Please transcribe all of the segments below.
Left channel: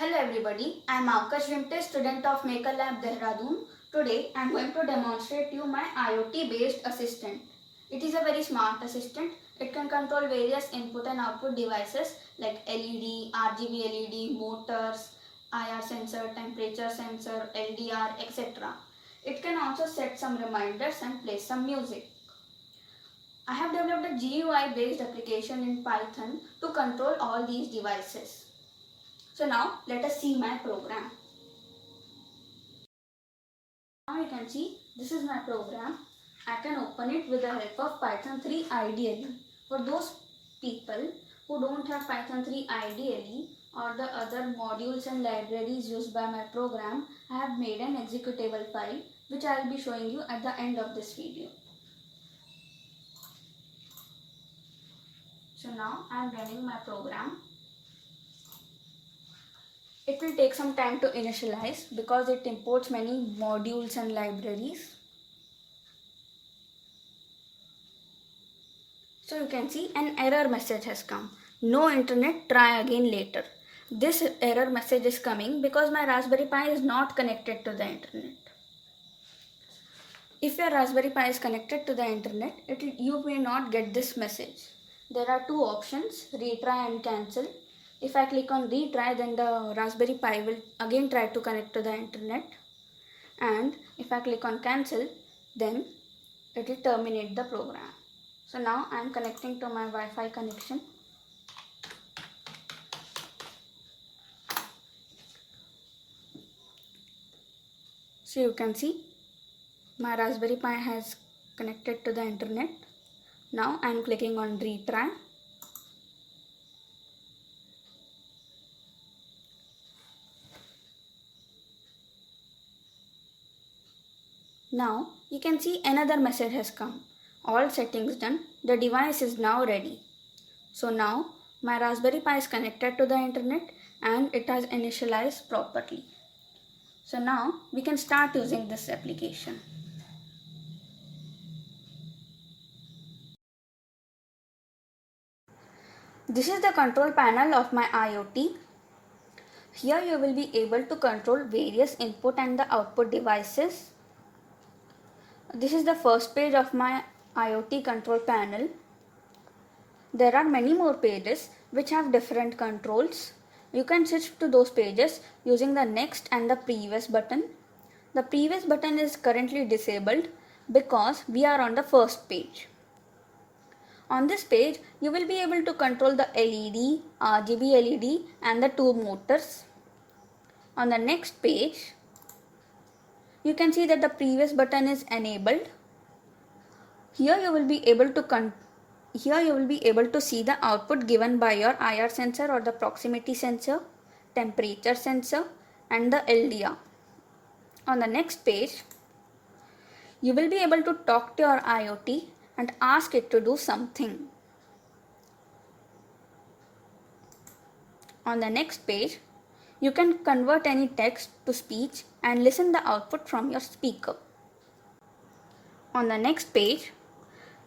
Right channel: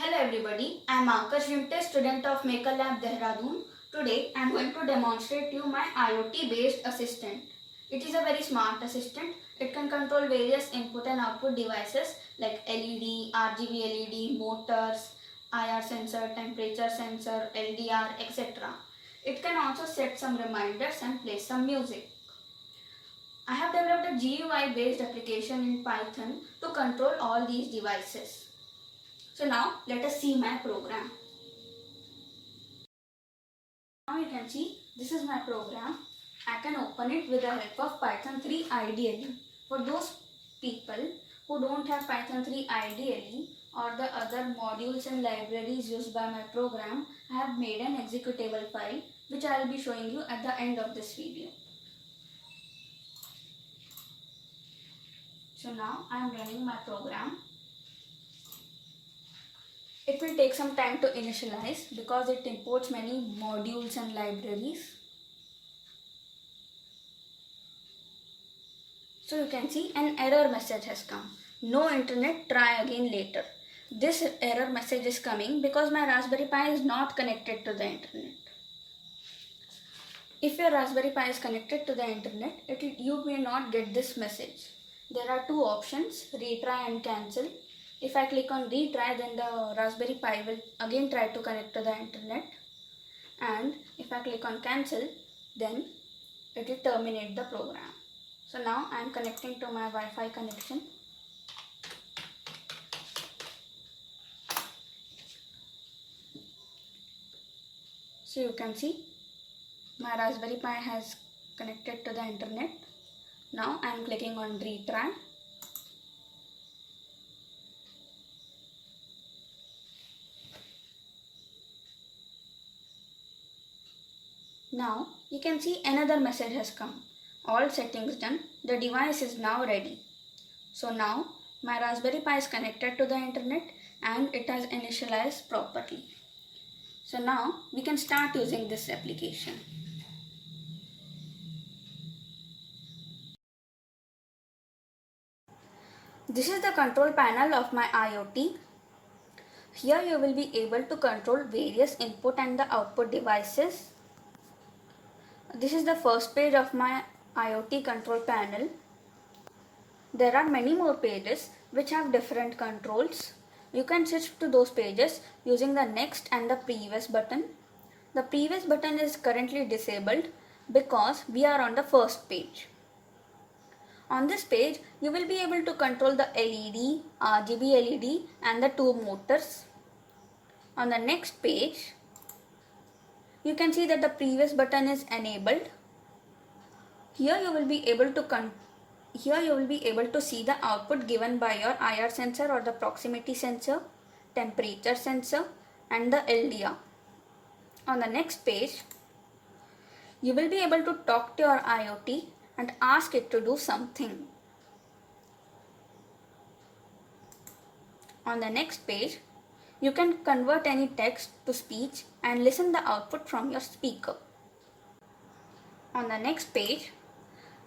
Hello everybody, I am Akash Rimte, student of Maker Lab Dehradun. Today I am going to demonstrate you my IoT based assistant. It is a very smart assistant. It can control various input and output devices like LED, RGB LED, motors, IR sensor, temperature sensor, LDR, etc. It can also set some reminders and play some music. I have developed a GUI based application in Python to control all these devices. So now let us see my program. Now you can see this is my program. I can open it with the help of Python 3 IDLE. For those people who don't have Python 3 IDLE or the other modules and libraries used by my program, I have made an executable file which I will be showing you at the end of this video. So now I am running my program. It will take some time to initialize because it imports many modules and libraries. So you can see an error message has come. No internet, try again later. This error message is coming because my Raspberry Pi is not connected to the internet. If your Raspberry Pi is connected to the internet, you may not get this message. There are two options, retry and cancel. If I click on retry, then the Raspberry Pi will again try to connect to the internet. And if I click on cancel, then it will terminate the program. So now I am connecting to my Wi-Fi connection. So you can see my Raspberry Pi has connected to the internet. Now I am clicking on retry. Now you can see another message has come. All settings done. The device is now ready. So now my Raspberry Pi is connected to the internet and it has initialized properly. So now we can start using this application. This is the control panel of my IoT. Here you will be able to control various input and the output devices. This is the first page of my IoT control panel. There are many more pages which have different controls. You can switch to those pages using the next and the previous button. The previous button is currently disabled because we are on the first page. On this page, you will be able to control the LED, RGB LED and the two motors. On the next page, you can see that the previous button is enabled. Here you will be able to see the output given by your IR sensor or the proximity sensor, temperature sensor and the LDR. On the next page, you will be able to talk to your IoT and ask it to do something. On the next page, you can convert any text to speech and listen the output from your speaker. On the next page,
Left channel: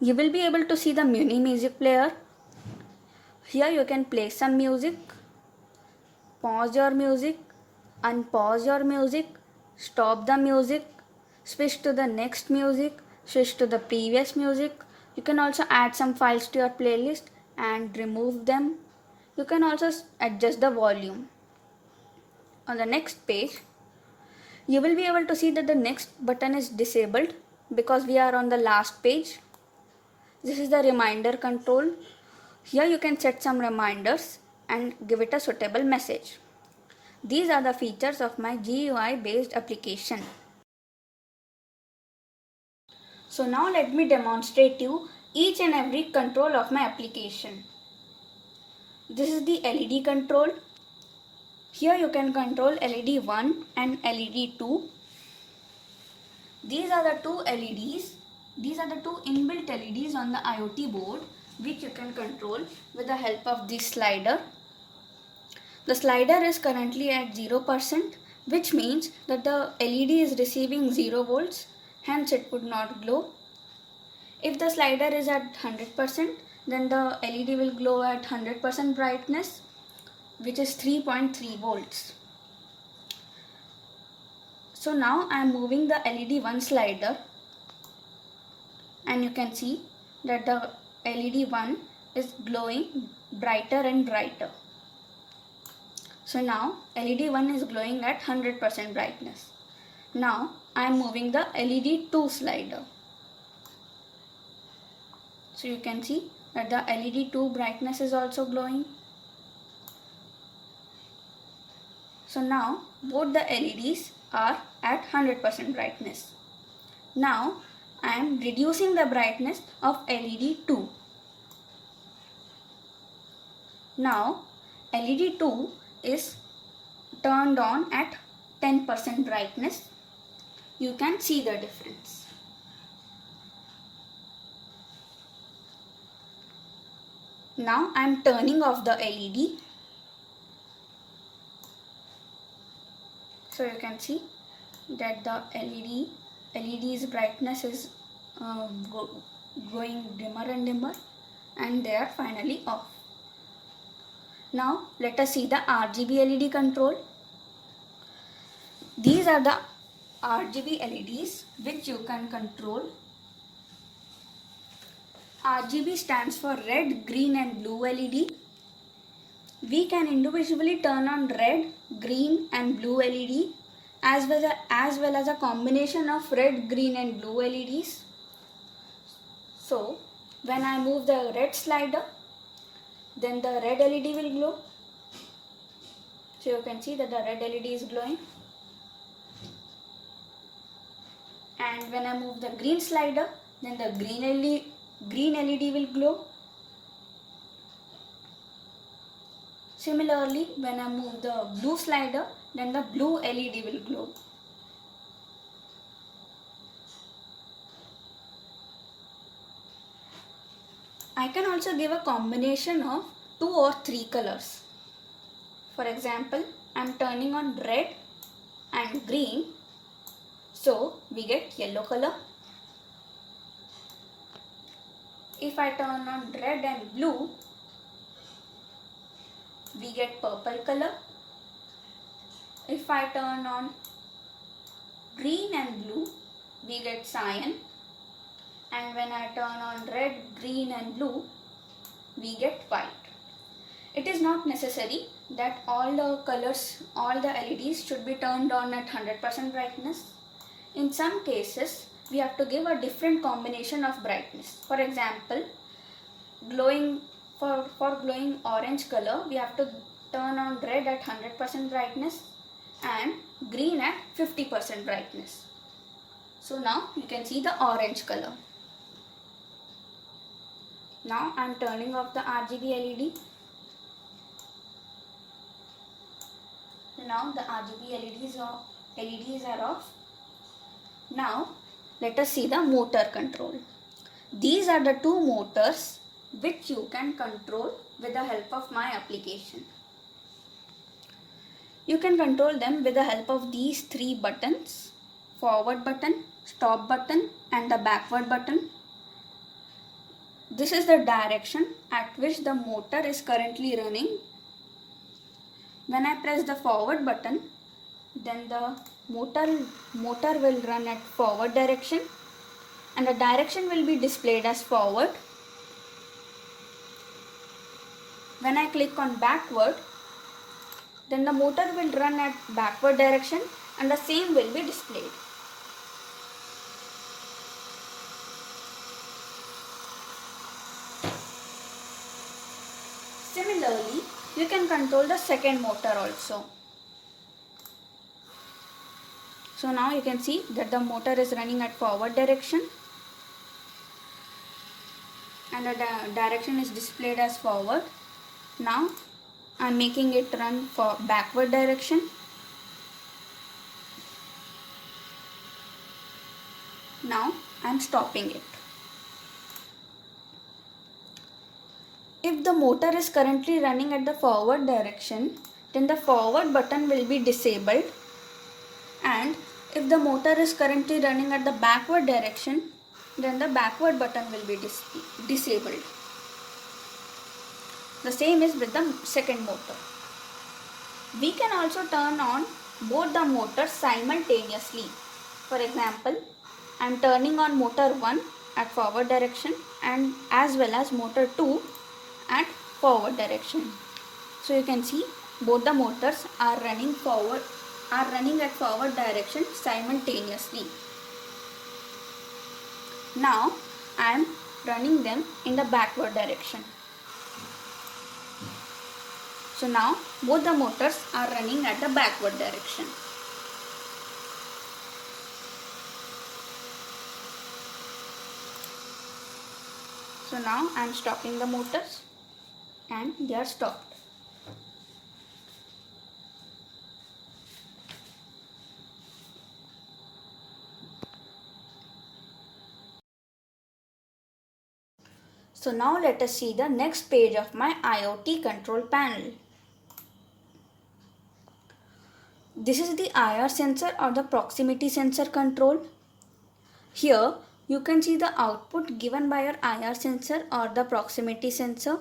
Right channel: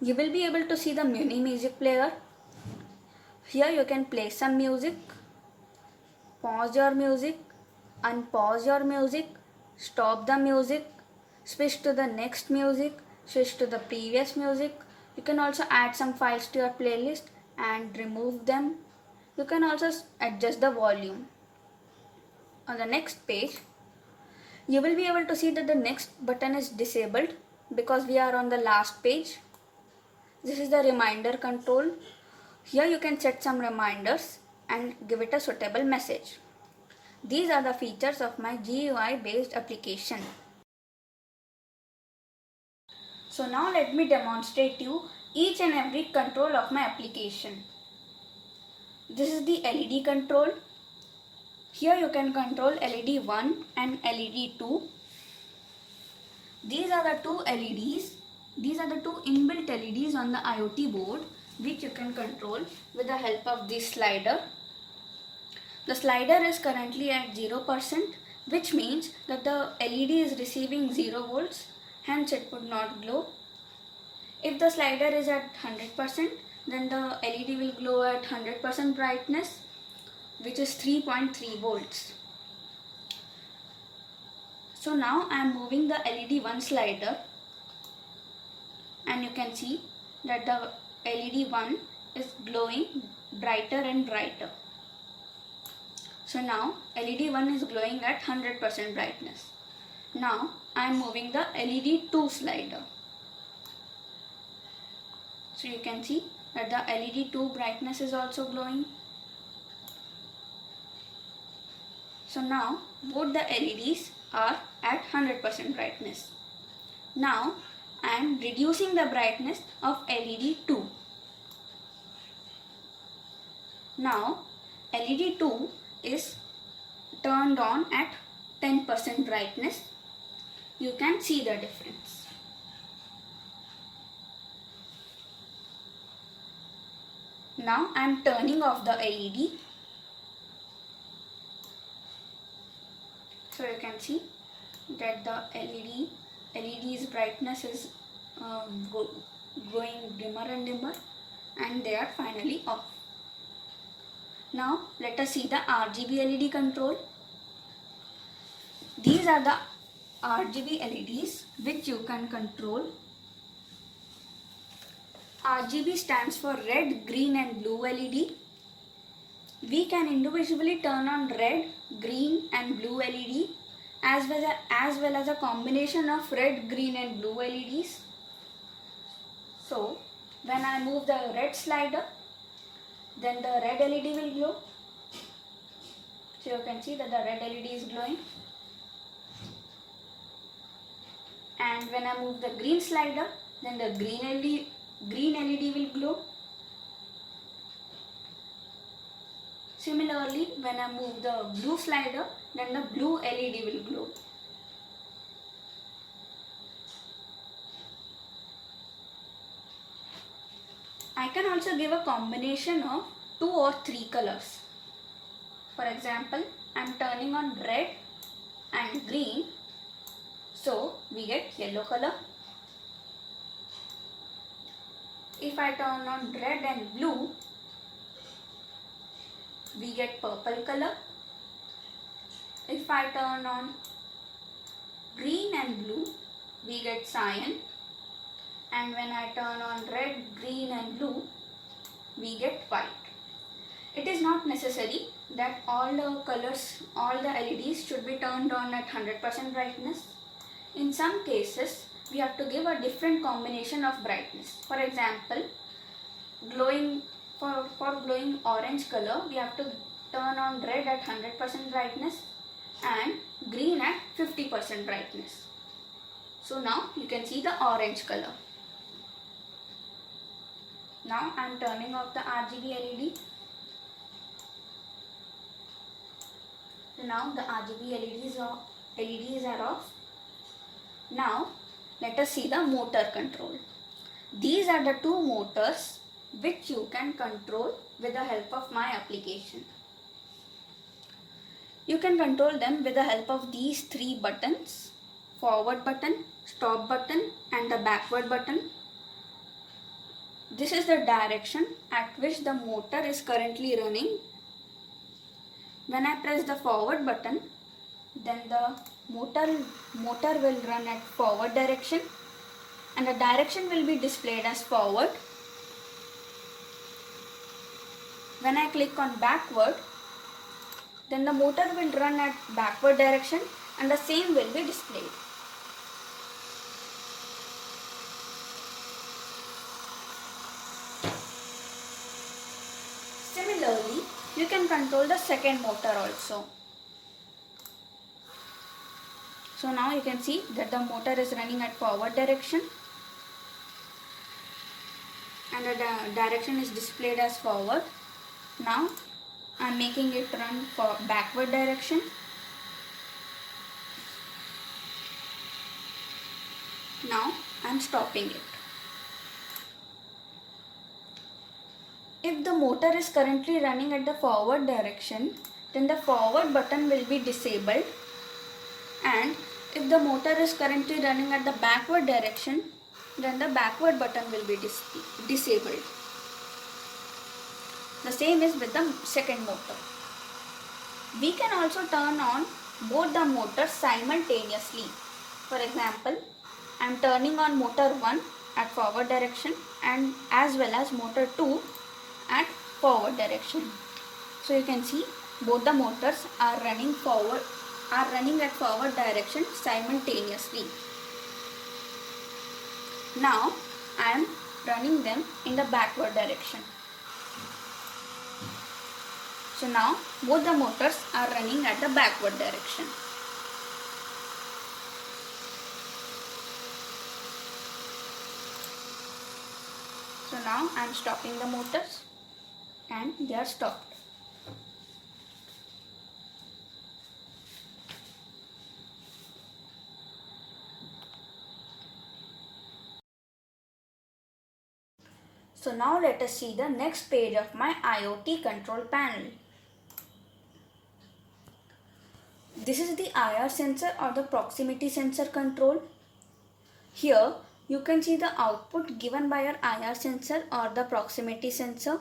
you will be able to see the Muni music player. Here you can play some music, pause your music, unpause your music, stop the music, switch to the next music, switch to the previous music. You can also add some files to your playlist and remove them. You can also adjust the volume. On the next page, you will be able to see that the next button is disabled because we are on the last page. This is the reminder control. Here you can set some reminders and give it a suitable message. These are the features of my GUI based application. So now let me demonstrate you each and every control of my application. This is the LED control. Here you can control LED 1 and LED 2. These are the two LEDs. These are the two inbuilt LEDs on the IoT board which you can control with the help of this slider. The slider is currently at 0%, which means that the LED is receiving 0 volts, hence it would not glow. If the slider is at 100%, then the LED will glow at 100% brightness, which is 3.3 volts. So now I am moving the LED 1 slider, and you can see that the LED 1 is glowing brighter and brighter. So now LED 1 is glowing at 100% brightness. Now I am moving the LED 2 slider. So you can see that the LED 2 brightness is also glowing. So now both the LEDs are at 100% brightness. Now I am reducing the brightness of LED 2. Now LED 2 is turned on at 10% brightness. You can see the difference. Now I am turning off the LED. So you can see that the LED's brightness is going dimmer and dimmer, and they are finally off. Now let us see the RGB LED control. These are the RGB LEDs which you can control. RGB stands for red, green and blue LED. We can individually turn on red, green and blue LED as well as a combination of red, green and blue LEDs. So when I move the red slider, then the red LED will glow. So you can see that the red LED is glowing. And when I move the green slider, then the green LED will glow. Similarly, when I move the blue slider, then the blue LED will glow. I can also give a combination of 2 or 3 colors. For example, I am turning on red and green, so we get yellow color. If I turn on red and blue, we get purple color. If I turn on green and blue, we get cyan. And when I turn on red, green and blue, we get white. It is not necessary that all the colors, all the LEDs should be turned on at 100% brightness. In some cases, we have to give a different combination of brightness. For example, for glowing orange color, we have to turn on red at 100% brightness and green at 50% brightness. So now you can see the orange color. Now I am turning off the RGB LED. Now the RGB LEDs are off. Now let us see the motor control. These are the 2 motors which you can control with the help of my application. You can control them with the help of these 3 buttons: forward button, stop button and the backward button. This is the direction at which the motor is currently running. When I press the forward button, then the motor will run at forward direction and the direction will be displayed as forward. When I click on backward, then the motor will run at backward direction and the same will be displayed. Similarly, you can control the second motor also. So now you can see that the motor is running at forward direction and the direction is displayed as forward. Now I am making it run for backward direction. Now I am stopping it. If the motor is currently running at the forward direction, then the forward button will be disabled, and if the motor is currently running at the backward direction, then the backward button will be disabled. The same is with the second motor. We can also turn on both the motors simultaneously. For example, I am turning on motor 1 at forward direction and as well as motor 2 at forward direction. So you can see both the motors are running at forward direction simultaneously. Now I am running them in the backward direction. So now both the motors are running at the backward direction. So now I am stopping the motors and they are stopped. So now let us see the next page of my IoT control panel. This is the IR sensor or the proximity sensor control. Here you can see the output given by your IR sensor or the proximity sensor.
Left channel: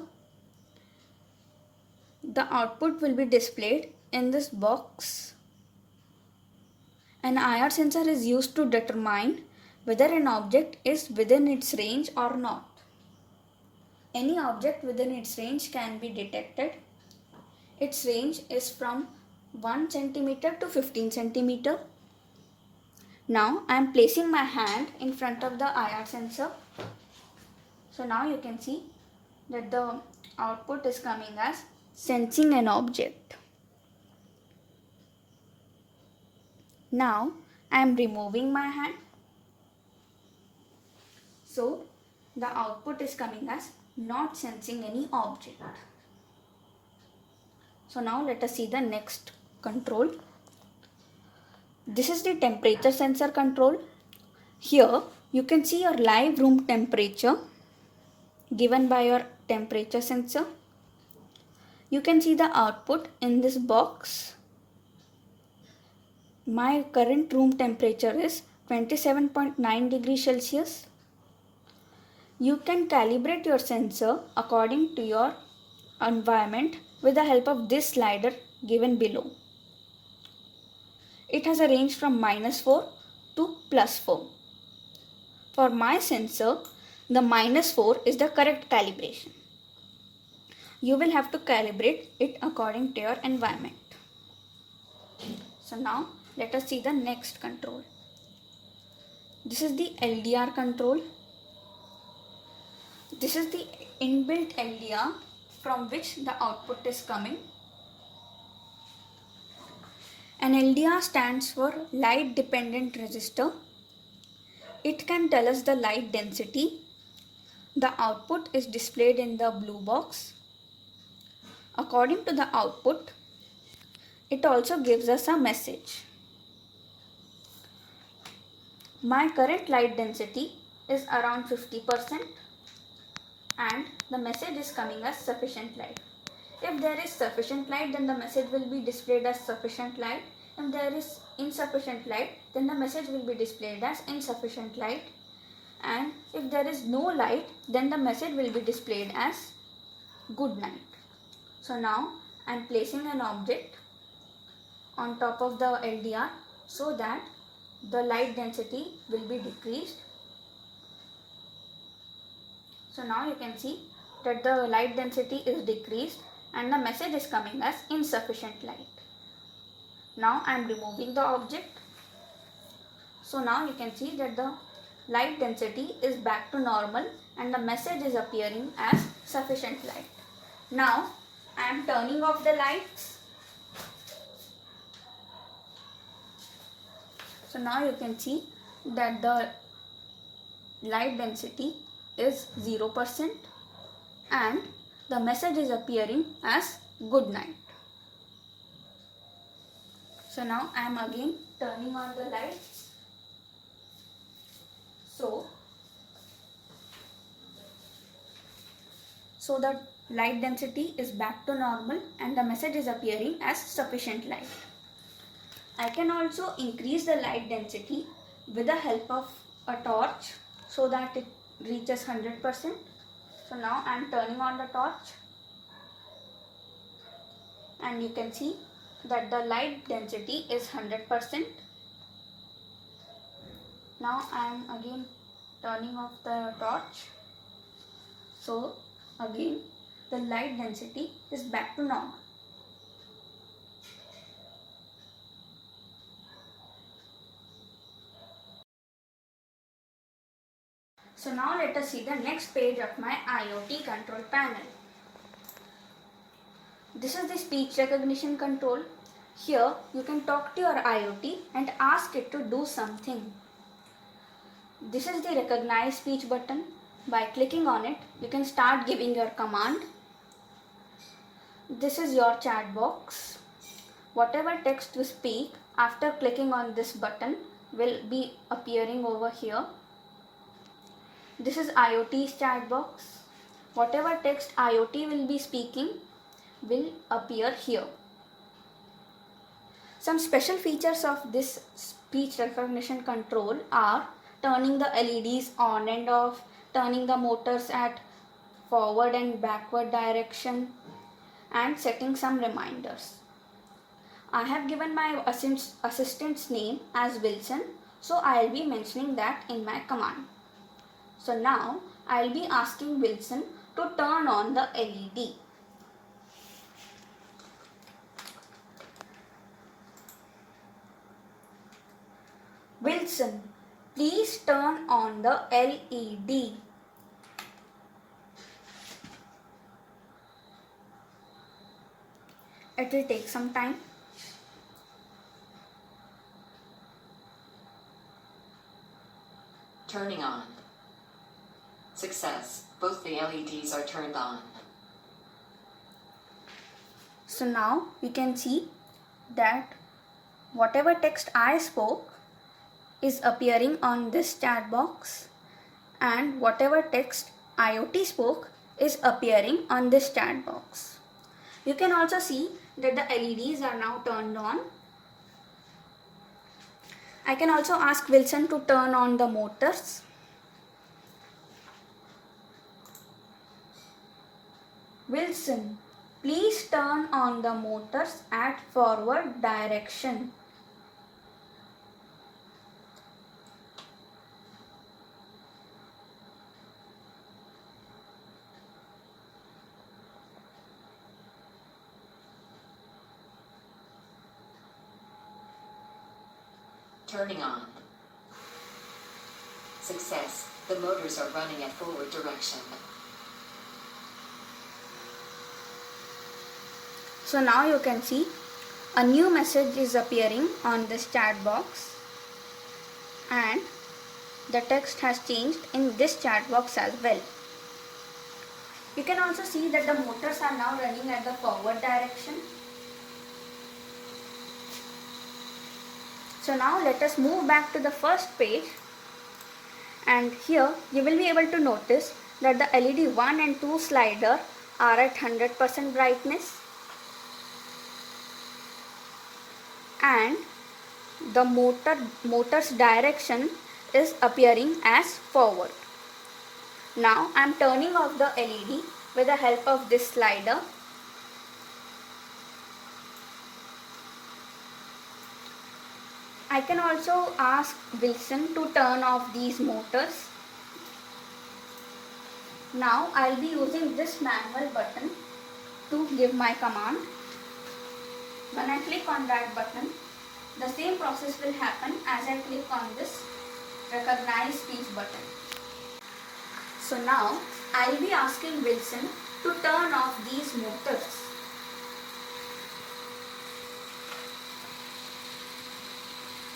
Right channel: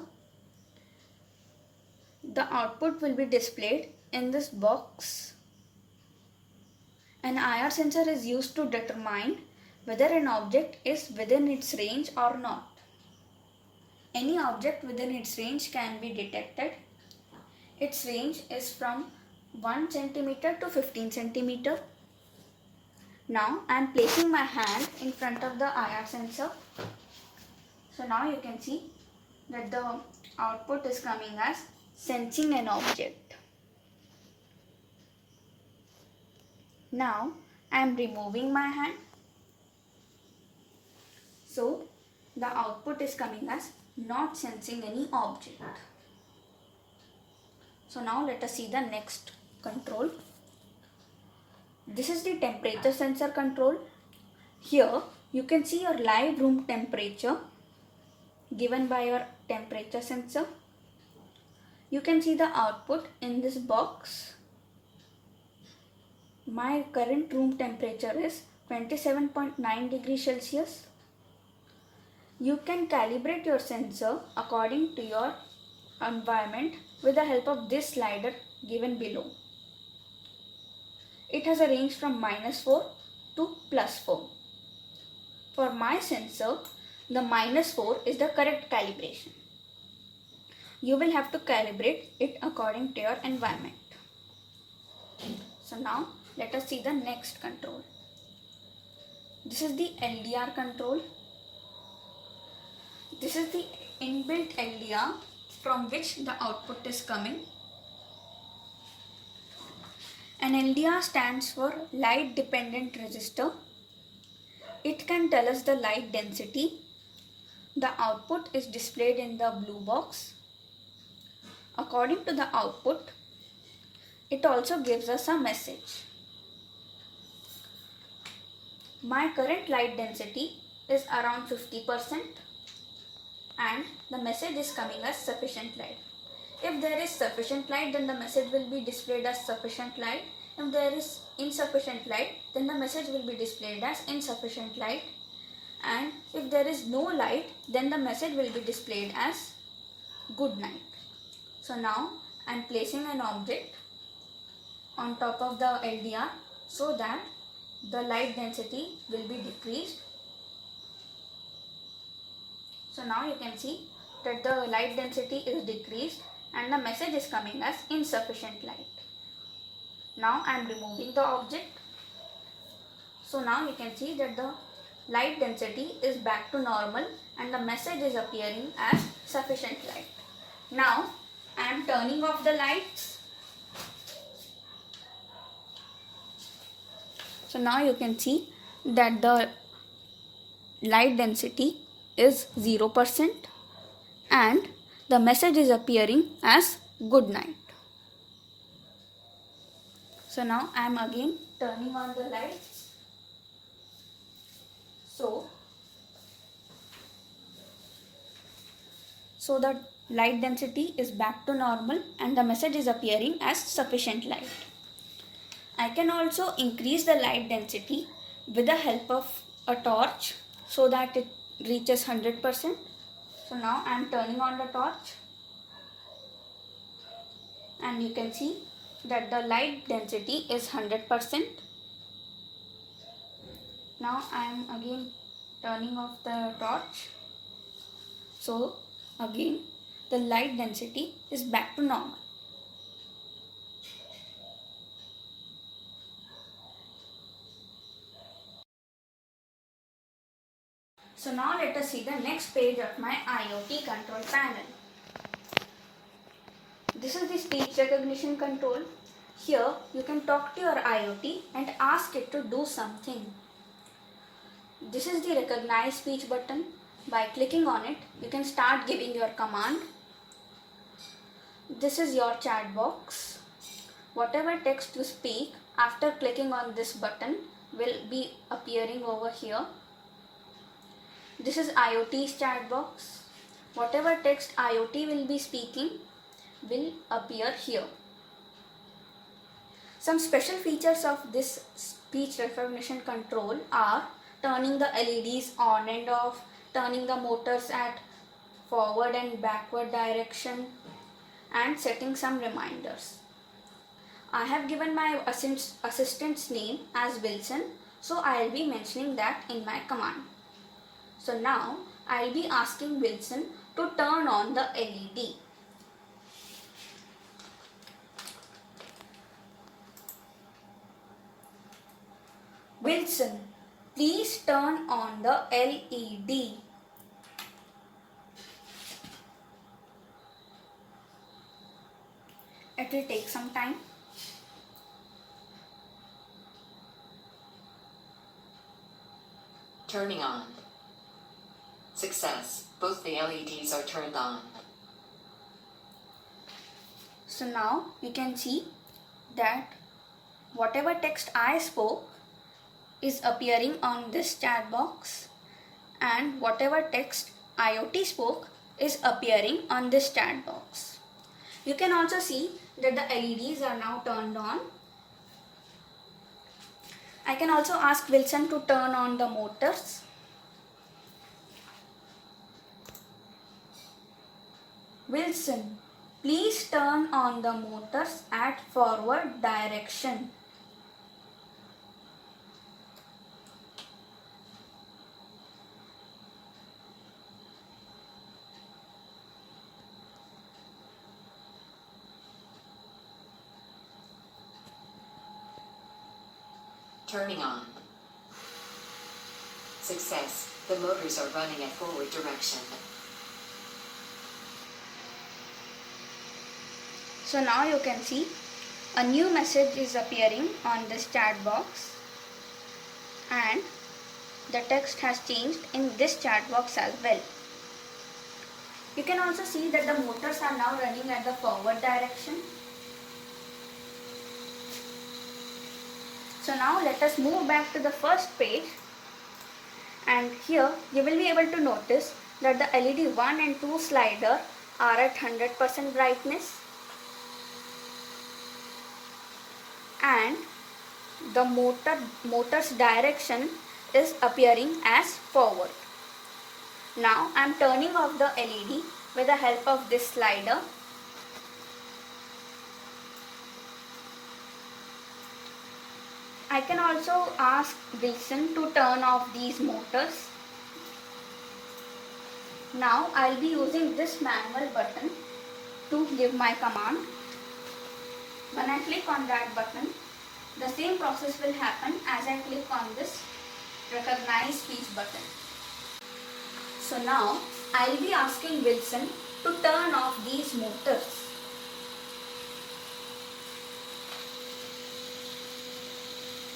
The output will be displayed in this box. An IR sensor is used to determine whether an object is within its range or not. Any object within its range can be detected. Its range is from 1 centimeter to 15 centimeter. Now I am placing my hand in front of the IR sensor. So now you can see that the output is coming as sensing an object. Now I am removing my hand. So the output is coming as not sensing any object. So now let us see the next control. This is the temperature sensor control. Here you can see your live room temperature given by your temperature sensor. You can see the output in this box. My current room temperature is 27.9 degrees Celsius. You can calibrate your sensor according to your environment with the help of this slider given below. It has a range from -4 to +4. For my sensor, the -4 is the correct calibration. You will have to calibrate it according to your environment. So now let us see the next control. This is the LDR control. This is the inbuilt LDR from which the output is coming. An LDR stands for light dependent resistor. It can tell us the light density. The output is displayed in the blue box. According to the output, it also gives us a message. My current light density is around 50% and the message is coming as sufficient light. If there is sufficient light, then the message will be displayed as sufficient light. If there is insufficient light, then the message will be displayed as insufficient light. And if there is no light, then the message will be displayed as good night. So now I am placing an object on top of the LDR so that the light density will be decreased. So now you can see that the light density is decreased and the message is coming as insufficient light. Now I am removing the object. So now you can see that the light density is back to normal and the message is appearing as sufficient light. Now I am turning off the lights. So now you can see that the light density is 0% and the message is appearing as good night. So now I am again turning on the lights. So the light density is back to normal and the message is appearing as sufficient light. I can also increase the light density with the help of a torch so that it reaches 100%. So now I am turning on the torch and you can see that the light density is 100%. Now I am again turning off the torch. So again the light density is back to normal. So now let us see the next page of my IoT control panel. This is the speech recognition control. Here you can talk to your IoT and ask it to do something. This is the recognize speech button. By clicking on it, you can start giving your command. This is your chat box. Whatever text you speak after clicking on this button will be appearing over here. This is IoT's chat box. Whatever text IoT will be speaking will appear here. Some special features of this speech recognition control are turning the LEDs on and off, turning the motors at forward and backward direction, and setting some reminders. I have given my assistant's name as Wilson, so I will be mentioning that in my command. So now I will be asking Wilson to turn on the LED. Wilson, please turn on the LED. It will take some time. Turning on. Success. Both the LEDs are turned on. So now you can see that whatever text I spoke is appearing on this chat box, and whatever text IoT spoke is appearing on this chat box. You can also see that the LEDs are now turned on. I can also ask Wilson to turn on the motors. Wilson, please turn on the motors at forward direction. Turning on. Success. The motors are running at forward direction. So now you can see a new message is appearing on this chat box, and the text has changed in this chat box as well. You can also see that the motors are now running at the forward direction. So now let us move back to the first page, and here you will be able to notice that the LED 1 and 2 slider are at 100% brightness, and the motor's direction is appearing as forward. Now I am turning off the LED with the help of this slider. I can also ask Wilson to turn off these motors. Now I will be using this manual button to give my command. When I click on that button, the same process will happen as I click on this recognize speech button. So now I will be asking Wilson to turn off these motors.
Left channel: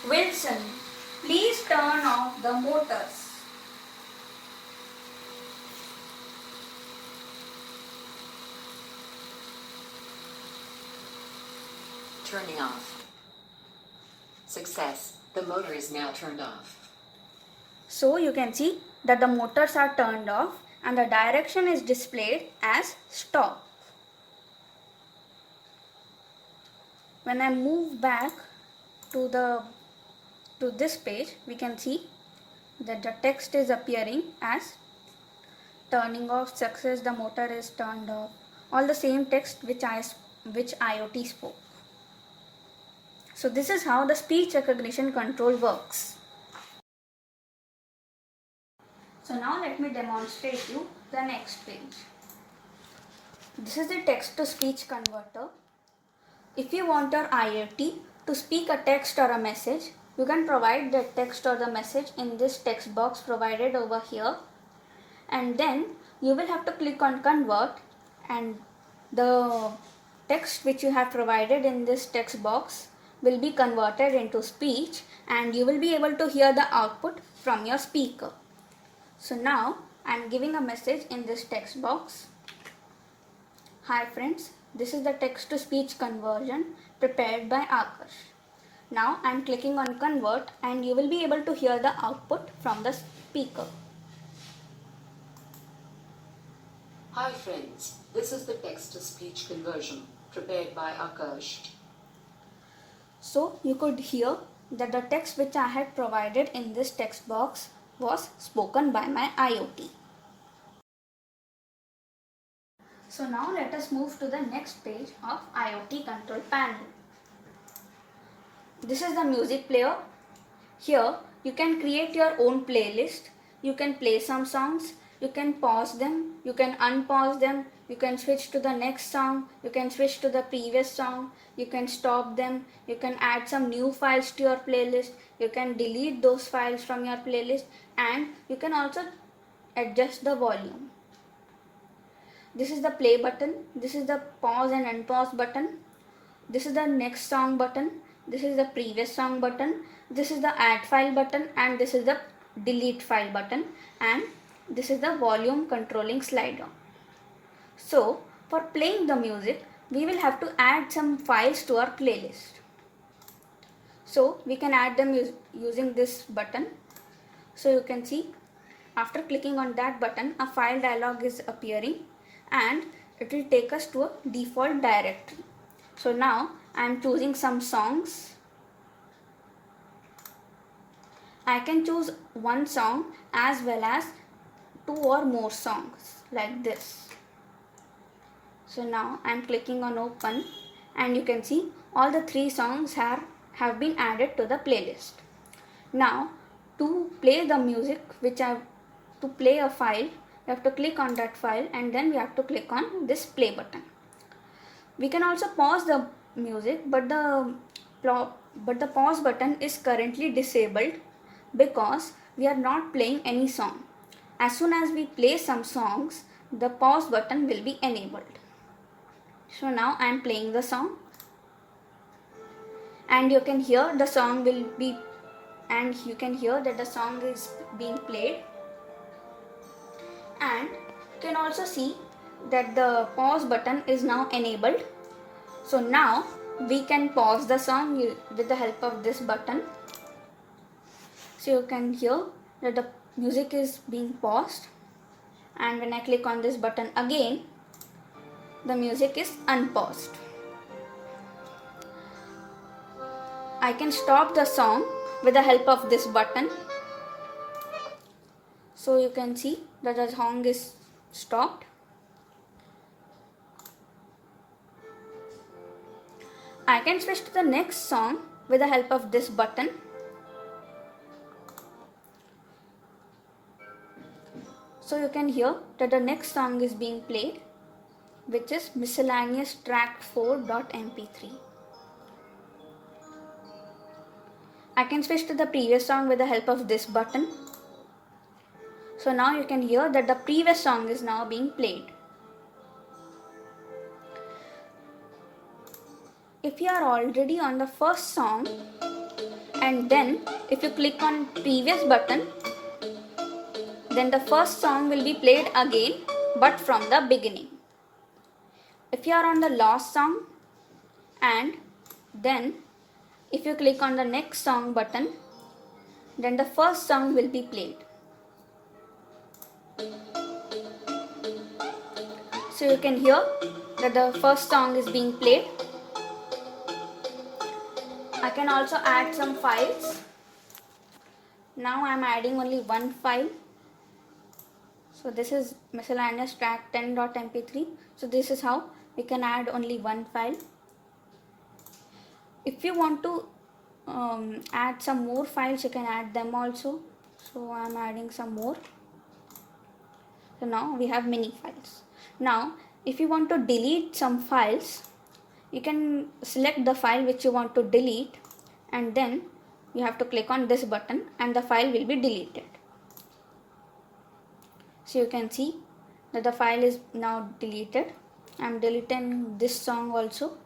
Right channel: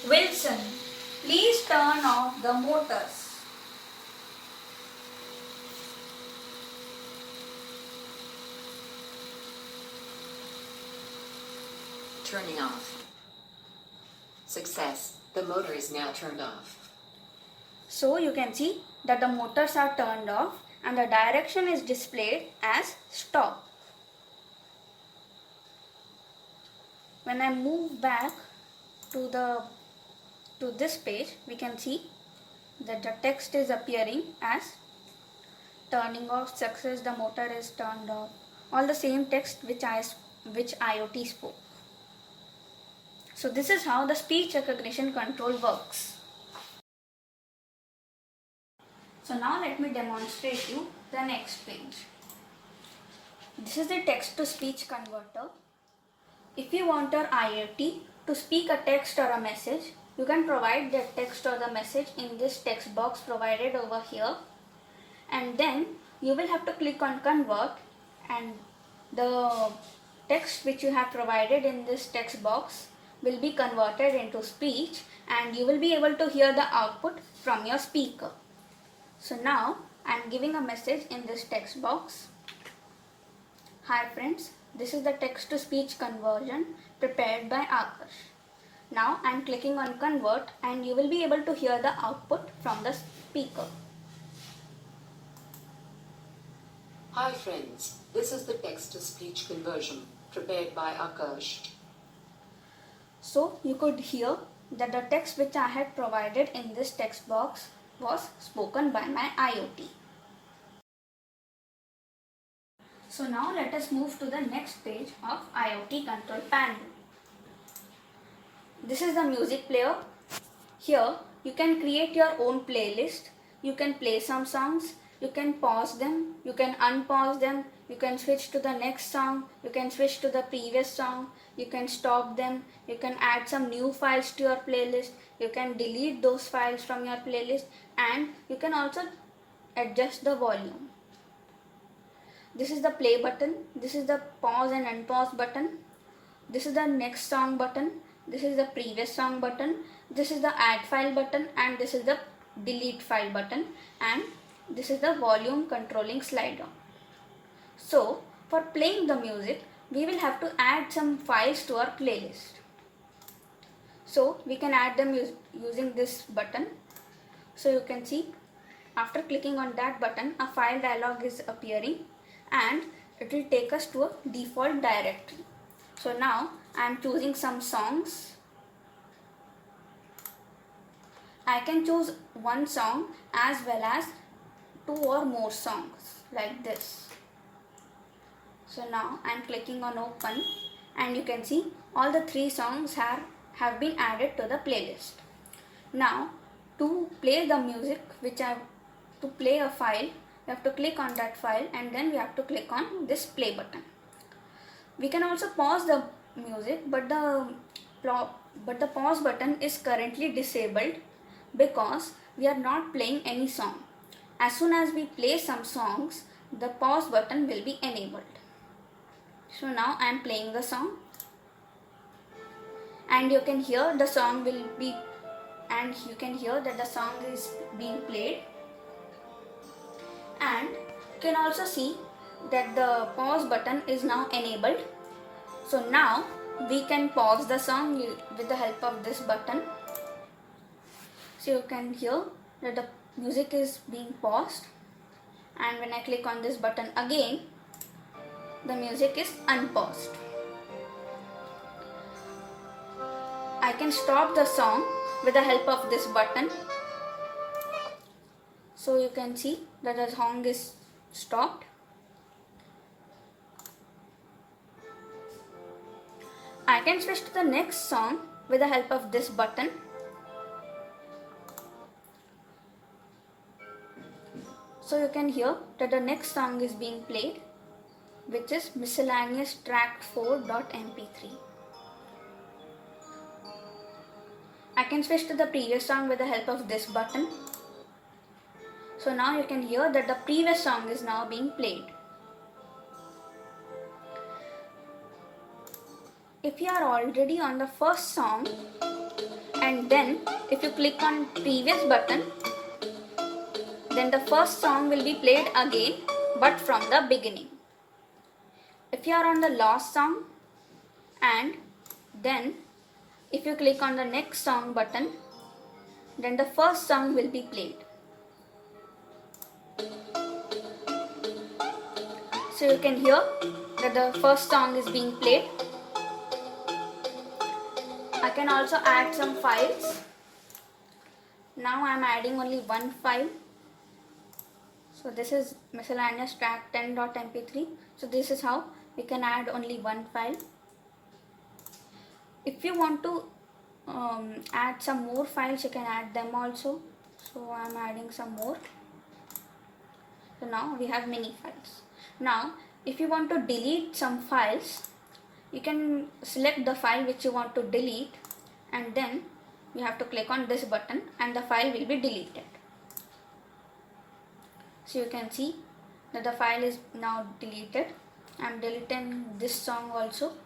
Wilson, please turn off the motors. Turning off. Success. The motor is now turned off. So you can see that the motors are turned off and the direction is displayed as stop. When I move back to this page, we can see that the text is appearing as turning off, success, the motor is turned off, all the same text which IoT spoke. So this is how the speech recognition control works. So now let me demonstrate you the next page. This is the text to speech converter. If you want your IoT to speak a text or a message, you can provide the text or the message in this text box provided over here, and then you will have to click on convert, and the text which you have provided in this text box will be converted into speech, and you will be able to hear the output from your speaker. So now I am giving a message in this text box. Hi friends, this is the text to speech conversion prepared by Akash. Now I am clicking on convert, and you will be able to hear the output from the speaker. Hi friends, this is the text-to-speech conversion prepared by Akash. So you could hear that the text which I had provided in this text box was spoken by my IoT. So now let us move to the next page of IoT control panel. This is the music player. Here you can create your own playlist. You can play some songs. You can pause them. You can unpause them. You can switch to the next song. You can switch to the previous song. You can stop them. You can add some new files to your playlist. You can delete those files from your playlist, and you can also adjust the volume. This is the play button. This is the pause and unpause button. This is the next song button. This is the previous song button. This is the add file button, and this is the delete file button, and this is the volume controlling slider. So for playing the music, we will have to add some files to our playlist. So we can add them using this button. So you can see after clicking on that button, a file dialog is appearing, and it will take us to a default directory. So now I am choosing some songs. I can choose one song as well as 2 or more songs like this. So now I am clicking on open, and you can see all the 3 songs have been added to the playlist. Now to play the music, to play a file, you have to click on that file, and then we have to click on this play button. We can also pause the music, but the pause button is currently disabled because we are not playing any song. As soon as we play some songs, the pause button will be enabled. So now I am playing the song, and you can hear the song you can hear that the song is being played, and you can also see that the pause button is now enabled. So now we can pause the song with the help of this button. So you can hear that the music is being paused, and when I click on this button again, the music is unpaused. I can stop the song with the help of this button. So you can see that the song is stopped. I can switch to the next song with the help of this button. So you can hear that the next song is being played, which is miscellaneous track 4.mp3. I can switch to the previous song with the help of this button. So now you can hear that the previous song is now being played. If you are already on the first song, and then if you click on previous button, then the first song will be played again, but from the beginning. If you are on the last song, and then if you click on the next song button, then the first song will be played. So you can hear that the first song is being played. I can also add some files. Now I am adding only one file. So this is miscellaneous track 10.mp3. So this is how we can add only one file. If you want to add some more files, you can add them also. So I am adding some more. So now we have many files. Now if you want to delete some files, you can select the file which you want to delete, and then you have to click on this button and the file will be deleted. So you can see that the file is now deleted. I am deleting this song also.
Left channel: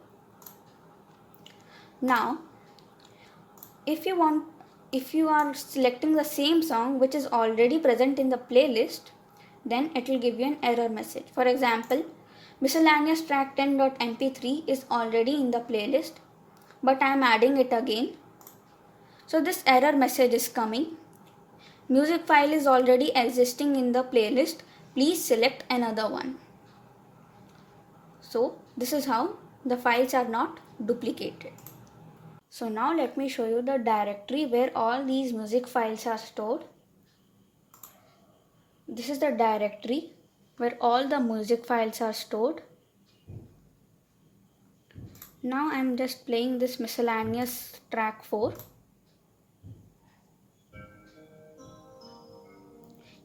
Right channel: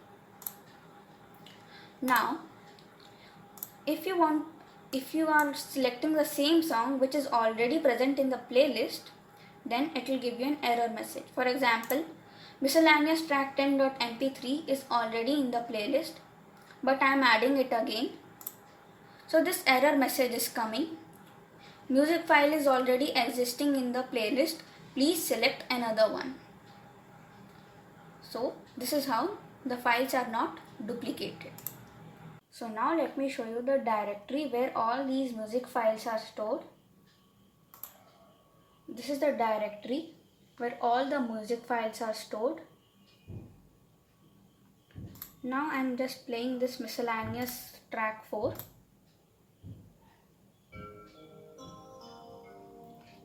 Now if you are selecting the same song which is already present in the playlist, then it will give you an error message. For example, miscellaneous track 10.mp3 is already in the playlist, but I am adding it again. So this error message is coming. Music file is already existing in the playlist. Please select another one. So this is how the files are not duplicated. So now let me show you the directory where all these music files are stored. This is the directory where all the music files are stored. Now I am just playing this miscellaneous track 4.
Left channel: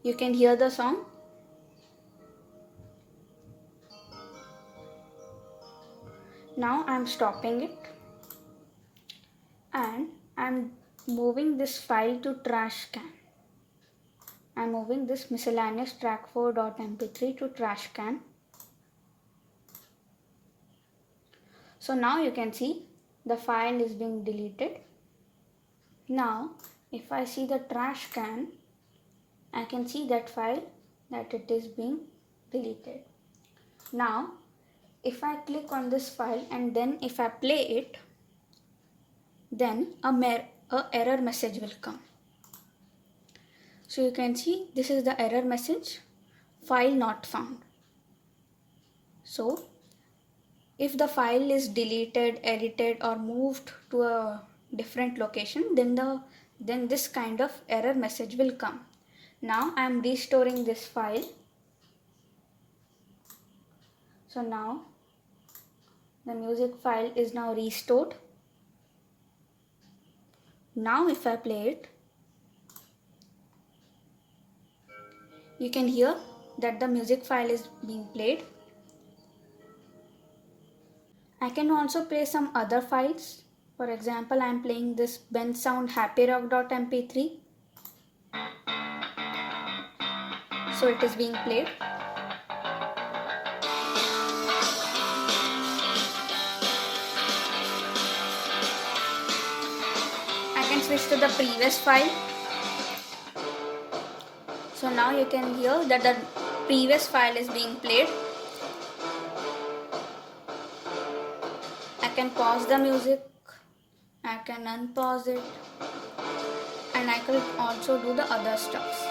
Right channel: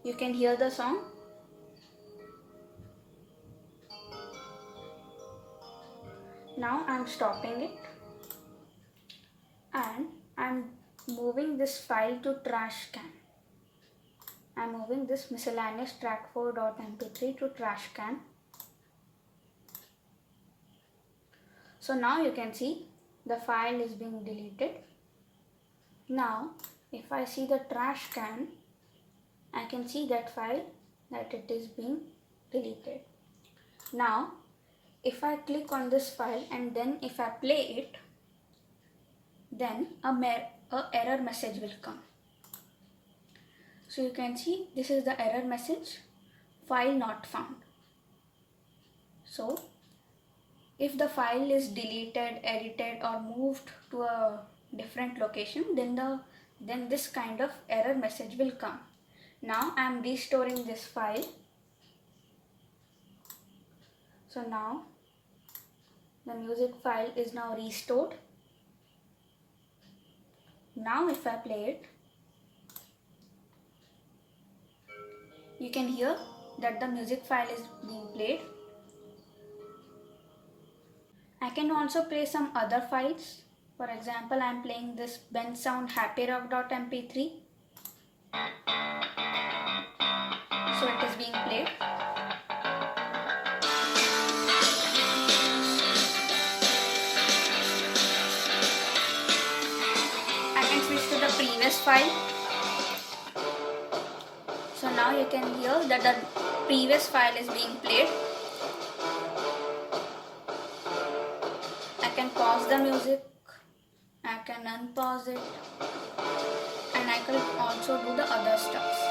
You can hear the song. Now I am stopping it and I am moving this file to trash can. I am moving this miscellaneous track 4.mp3 to trash can. So now you can see the file is being deleted. Now if I see the trash can, I can see that file that it is being deleted. Now if I click on this file and then if I play it, then a error message will come. So you can see this is the error message, file not found. So if the file is deleted, edited or moved to a different location, then this kind of error message will come. Now I am restoring this file. So now the music file is now restored. Now if I play it, you can hear that the music file is being played. I can also play some other files. For example, I am playing this Bensound happyrock.mp3. So it is being played. I can switch to the previous file. So now you can hear that the previous file is being played. I can pause the music, I can unpause it, and I can also do the other stuff.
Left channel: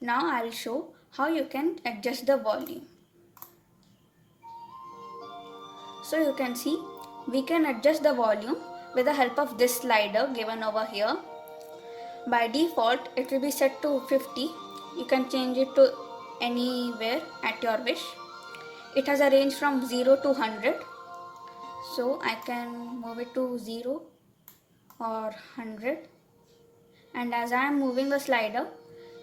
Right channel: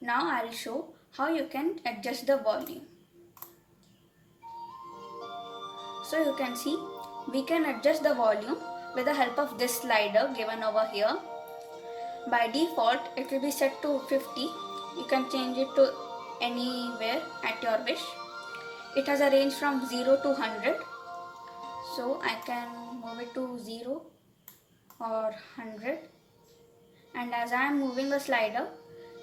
Now I will show how you can adjust the volume. So you can see we can adjust the volume with the help of this slider given over here. By default it will be set to 50. You can change it to anywhere at your wish. It has a range from 0 to 100. So I can move it to 0 or 100. And as I am moving the slider,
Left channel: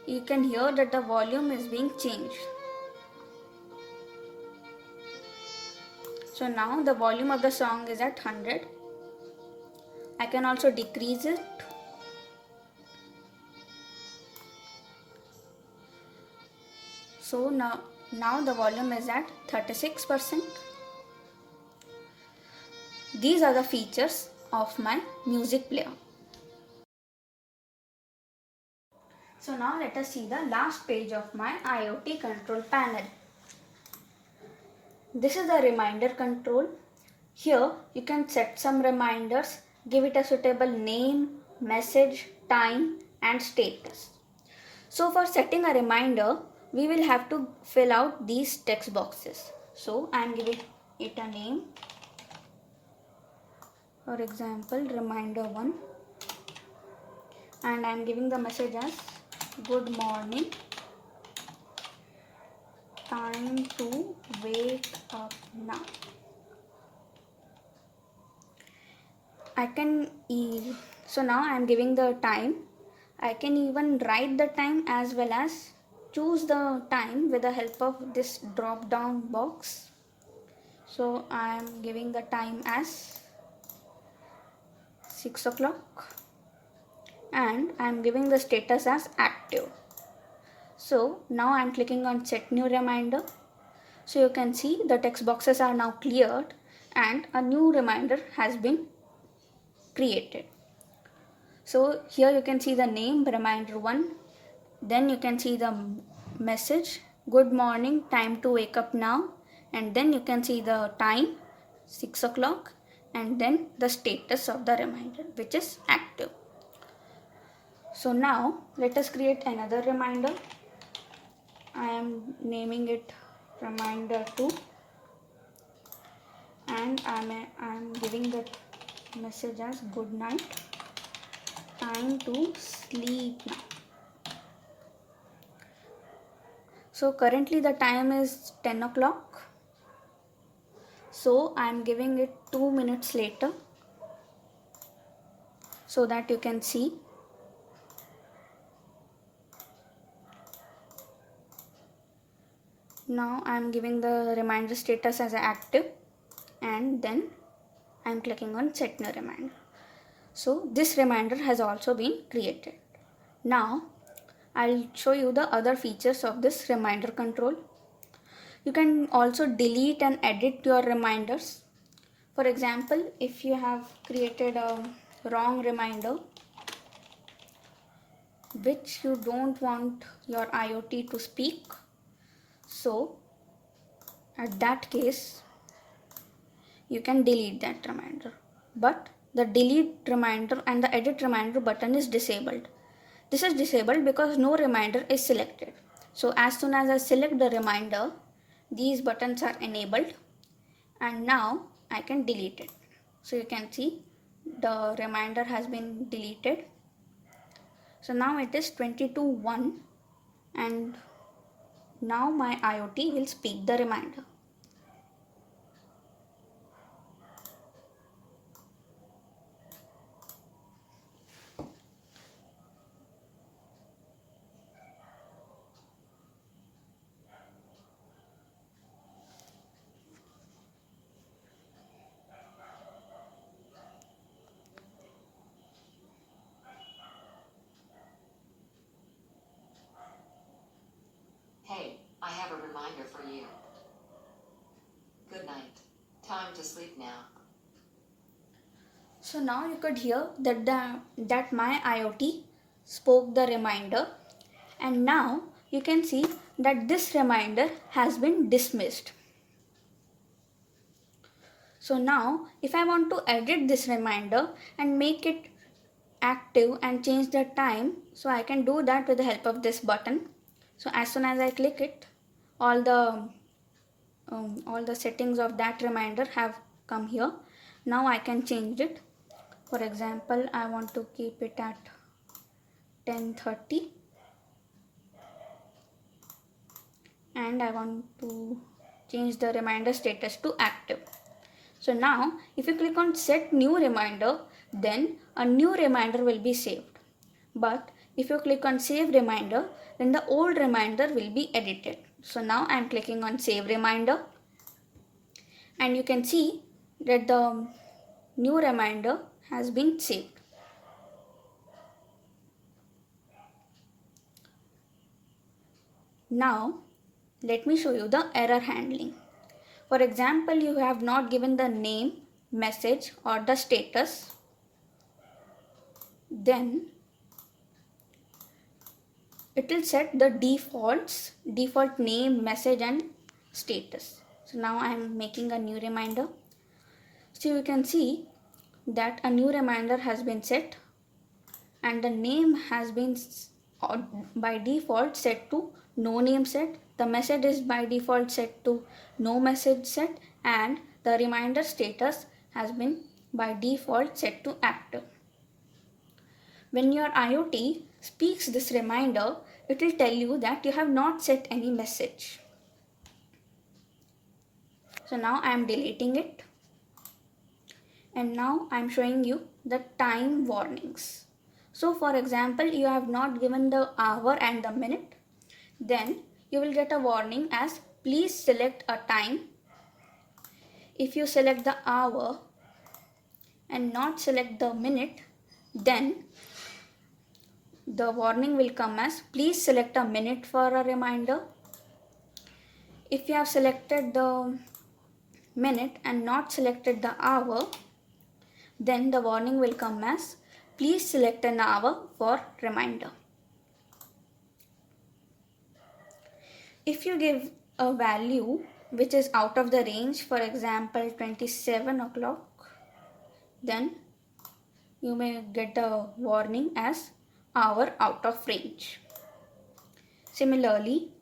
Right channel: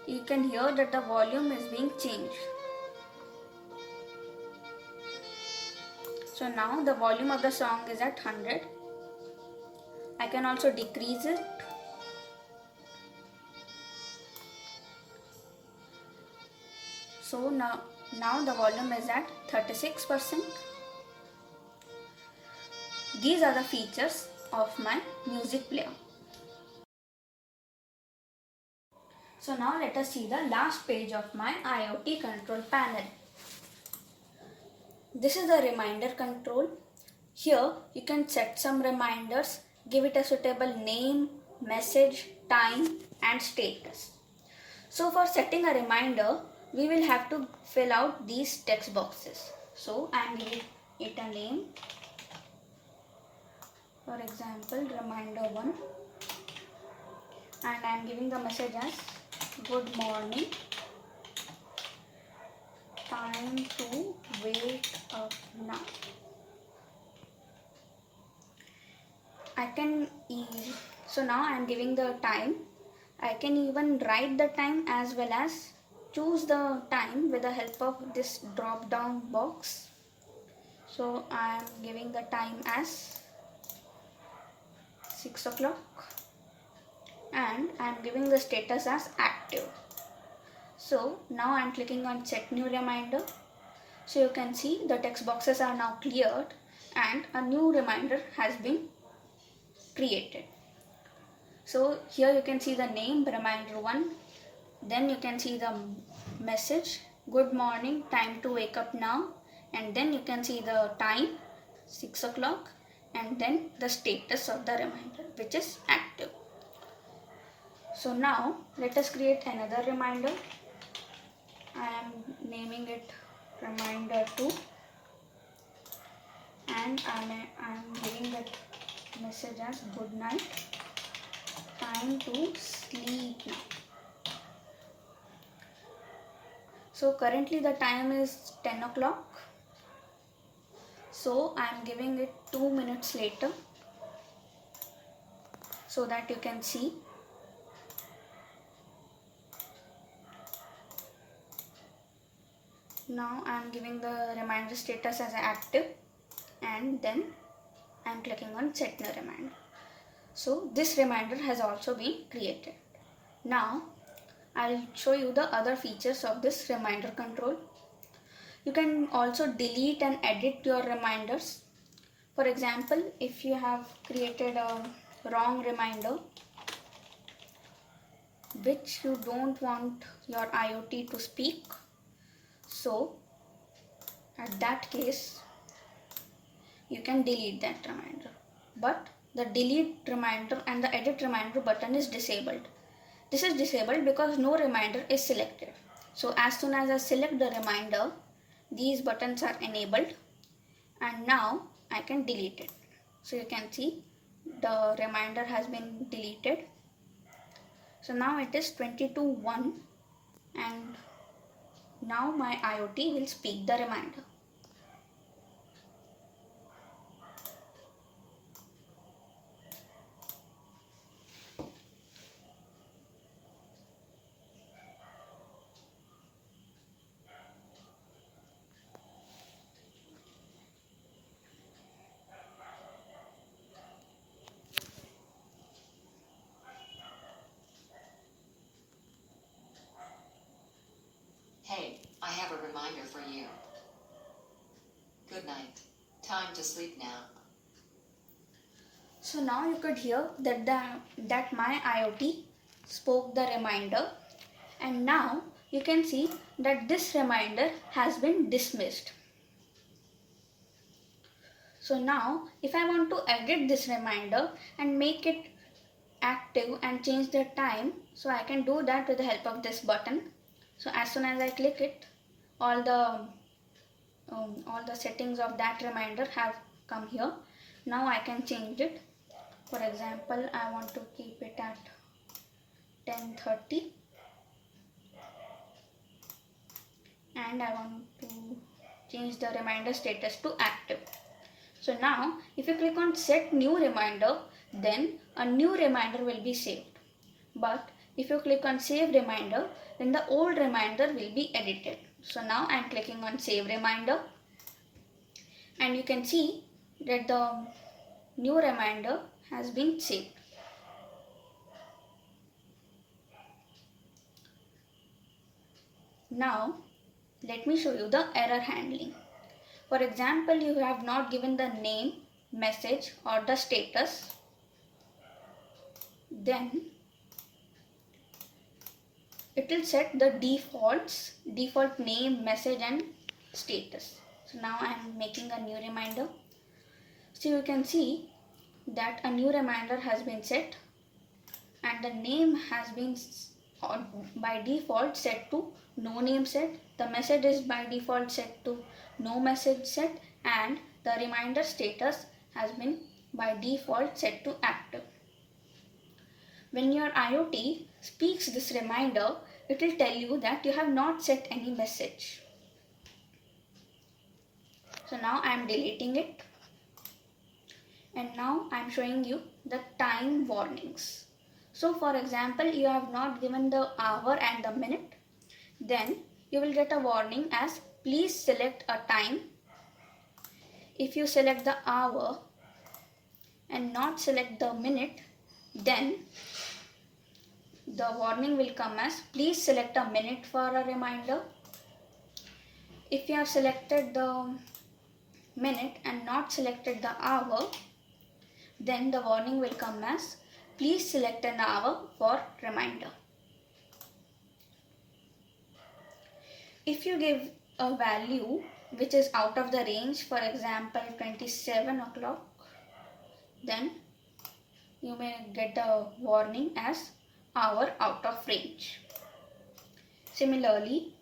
you can hear that the volume is being changed. So now the volume of the song is at 100. I can also decrease it. So now the volume is at 36%. These are the features of my music player. So now let us see the last page of my IoT control panel. This is the reminder control. Here you can set some reminders, give it a suitable name, message, time and status. So for setting a reminder, we will have to fill out these text boxes. So I am giving it a name. For example, reminder 1, and I am giving the message as good morning, time to wake up now. so now I am giving the time. I can even write the time as well as choose the time with the help of this drop down box. So I am giving the time as 6 o'clock and I am giving the status as active. So now I am clicking on set new reminder. So you can see the text boxes are now cleared and a new reminder has been created. So here you can see the name reminder 1. Then you can see the message, good morning, time to wake up now. And then you can see the time, 6 o'clock. And then the status of the reminder, which is active. So now let us create another reminder. I am naming it reminder 2. And I am giving that message as good night, time to sleep now. So currently the time is 10 o'clock. So I am giving it 2 minutes later so that you can see. Now I am giving the reminder status as active and then I am clicking on set new reminder. So this reminder has also been created. Now I'll show you the other features of this reminder control. You can also delete and edit your reminders. For example, if you have created a wrong reminder which you don't want your IoT to speak, so at that case you can delete that reminder. But the delete reminder and the edit reminder button is disabled. This is disabled because no reminder is selected. So as soon as I select the reminder, these buttons are enabled and now I can delete it. So you can see the reminder has been deleted. So now it is 22:01 and now my IoT will speak the reminder. Hey, I have a reminder for you. Good night. Time to sleep now. So now you could hear that my IoT spoke the reminder and now you can see that this reminder has been dismissed. So now if I want to edit this reminder and make it active and change the time, so I can do that with the help of this button. So as soon as I click it, all the settings of that reminder have come here. Now I can change it. For example, I want to keep it at 10:30 and I want to change the reminder status to active. So now if you click on set new reminder, then a new reminder will be saved. But if you click on save reminder, then the old reminder will be edited. So now I am clicking on save reminder and you can see that the new reminder has been saved. Now let me show you the error handling. For example, you have not given the name, message or the status, then it will set the default name, message and status. So now I am making a new reminder. So you can see that a new reminder has been set and the name has been by default set to no name set. The message is by default set to no message set and the reminder status has been by default set to active. When your IoT speaks this reminder, it will tell you that you have not set any message. So now I am deleting it and now I am showing you the time warnings. So for example, you have not given the hour and the minute, then you will get a warning as please select a time. If you select the hour and not select the minute, then the warning will come as please select a minute for a reminder. If you have selected the minute and not selected the hour, then the warning will come as please select an hour for reminder. If you give a value which is out of the range, for example 27 o'clock, then you may get a warning as hour out of range. Similarly,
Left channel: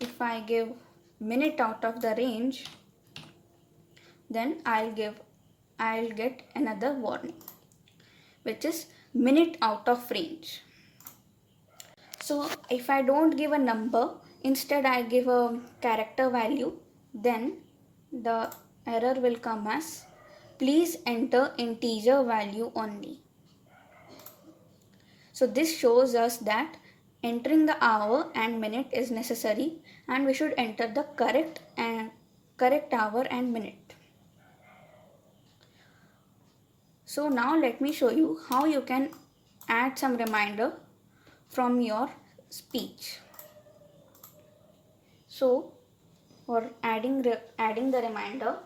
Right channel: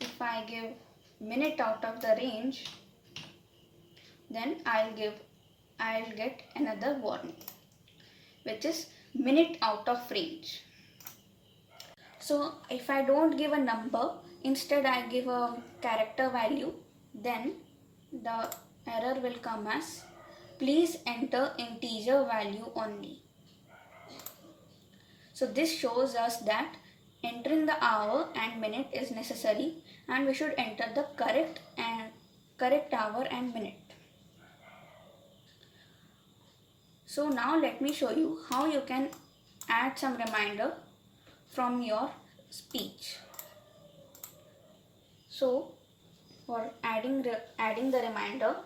if I give minute out of the range, then I'll get another warning which is minute out of range. So if I don't give a number, instead I give a character value, then the error will come as please enter integer value only. So this shows us that entering the hour and minute is necessary, and we should enter the correct hour and minute. So now let me show you how you can add some reminder from your speech. So for adding the reminder,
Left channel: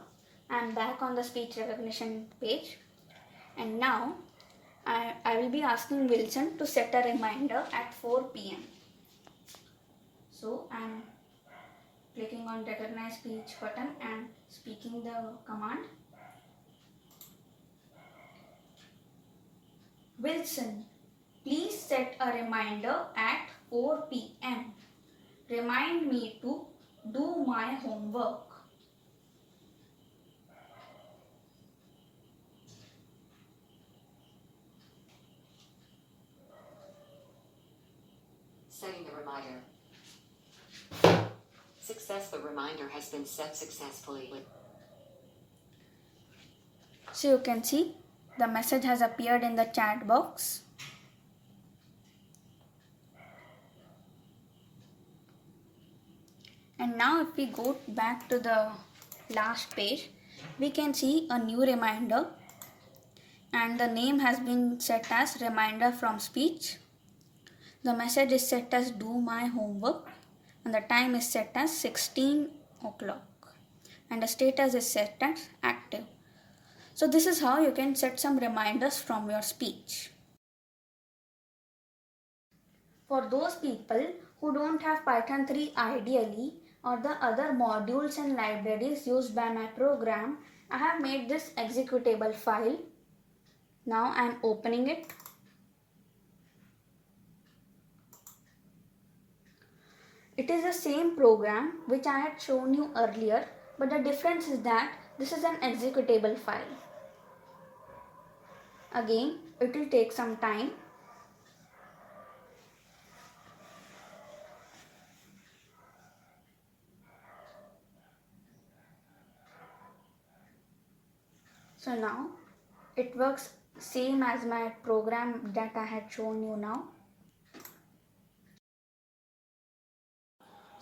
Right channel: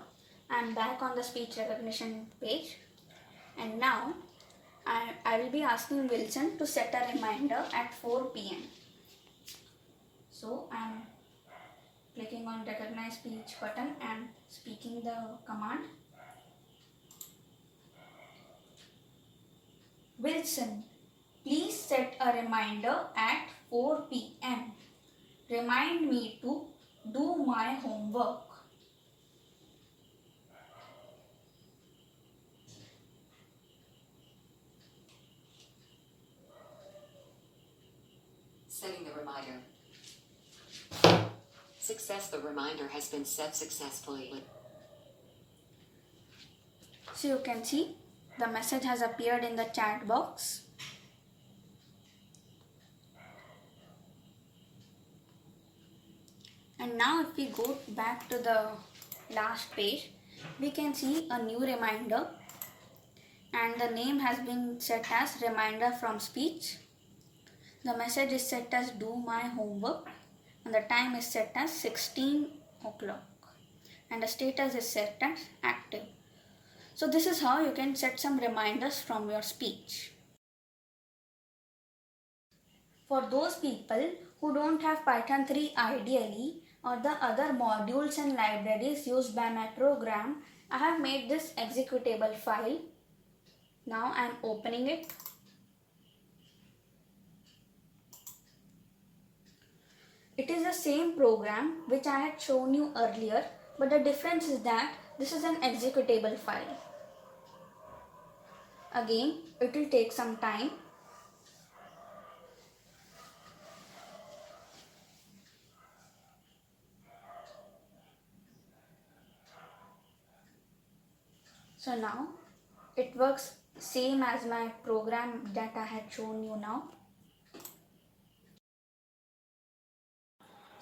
I am back on the speech recognition page, and now I will be asking Wilson to set a reminder at 4 p.m. So I am clicking on recognize speech button and speaking the command. Wilson, please set a reminder at 4 p.m. Remind me to do my homework. Setting the reminder. Success. The reminder has been set successfully. So you can see the message has appeared in the chat box. And now if we go back to the last page, we can see a new reminder, and the name has been set as reminder from speech. The message is set as do my homework, and the time is set as 16 o'clock, and the status is set as active. So this is how you can set some reminders from your speech. For those people who don't have Python 3 ideally, or the other modules and libraries used by my program, I have made this executable file. Now I am opening it. It is the same program which I had shown you earlier, but the difference is that this is an executable file. Again, it will take some time. So now it works same as my program that I had shown you now.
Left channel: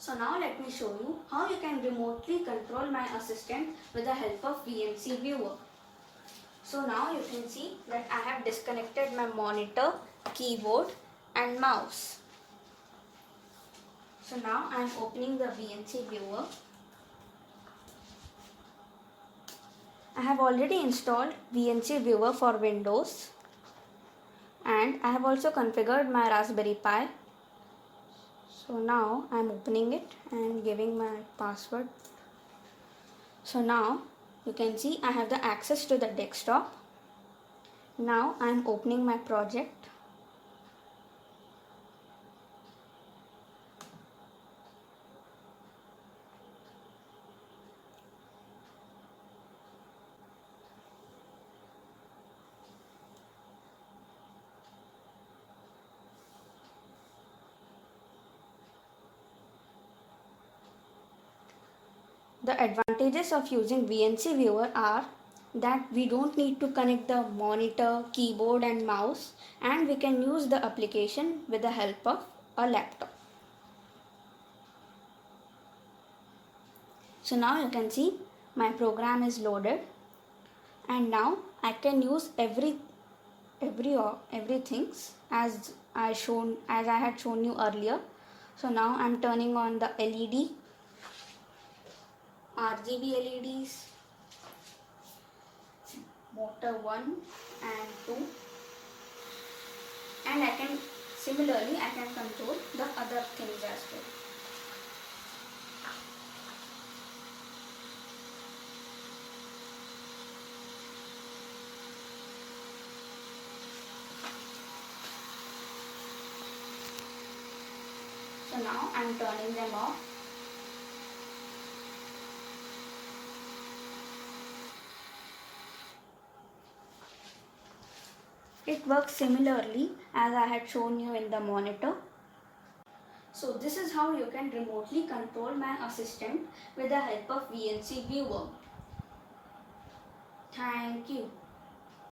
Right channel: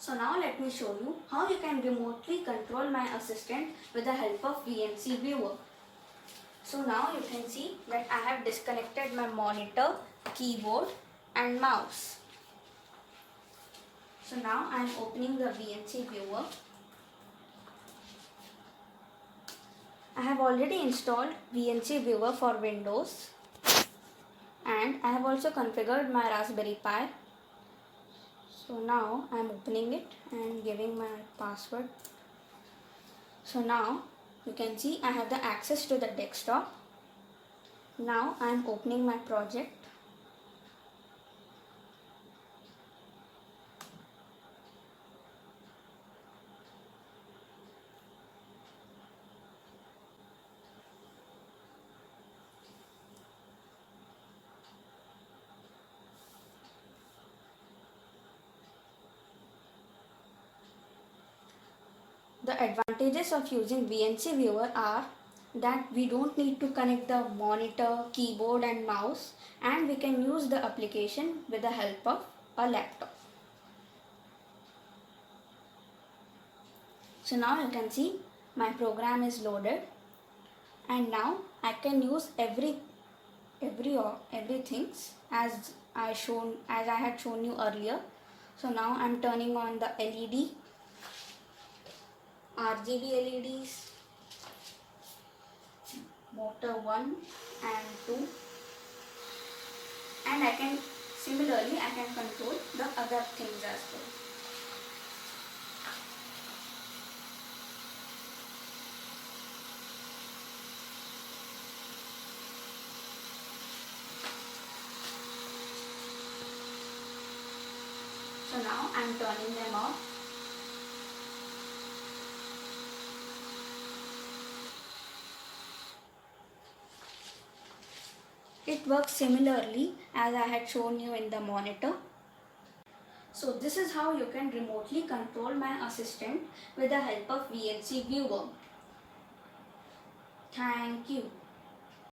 So now let me show you how you can remotely control my assistant with the help of VNC Viewer. So now you can see that I have disconnected my monitor, keyboard and mouse. So now I am opening the VNC Viewer. I have already installed VNC Viewer for Windows, and I have also configured my Raspberry Pi. So now I am opening it and giving my password. So now you can see I have the access to the desktop. Now I am opening my project. The advantages of using VNC Viewer are that we don't need to connect the monitor, keyboard and mouse, and we can use the application with the help of a laptop. So now you can see my program is loaded, and now I can use everything as I had shown you earlier. So now I'm turning on the LED, RGB LEDs, motor 1 and 2, and I can control the other things as well. So now I'm turning them off. It works similarly as I had shown you in the monitor. So this is how you can remotely control my assistant with the help of VNC Viewer. Thank you.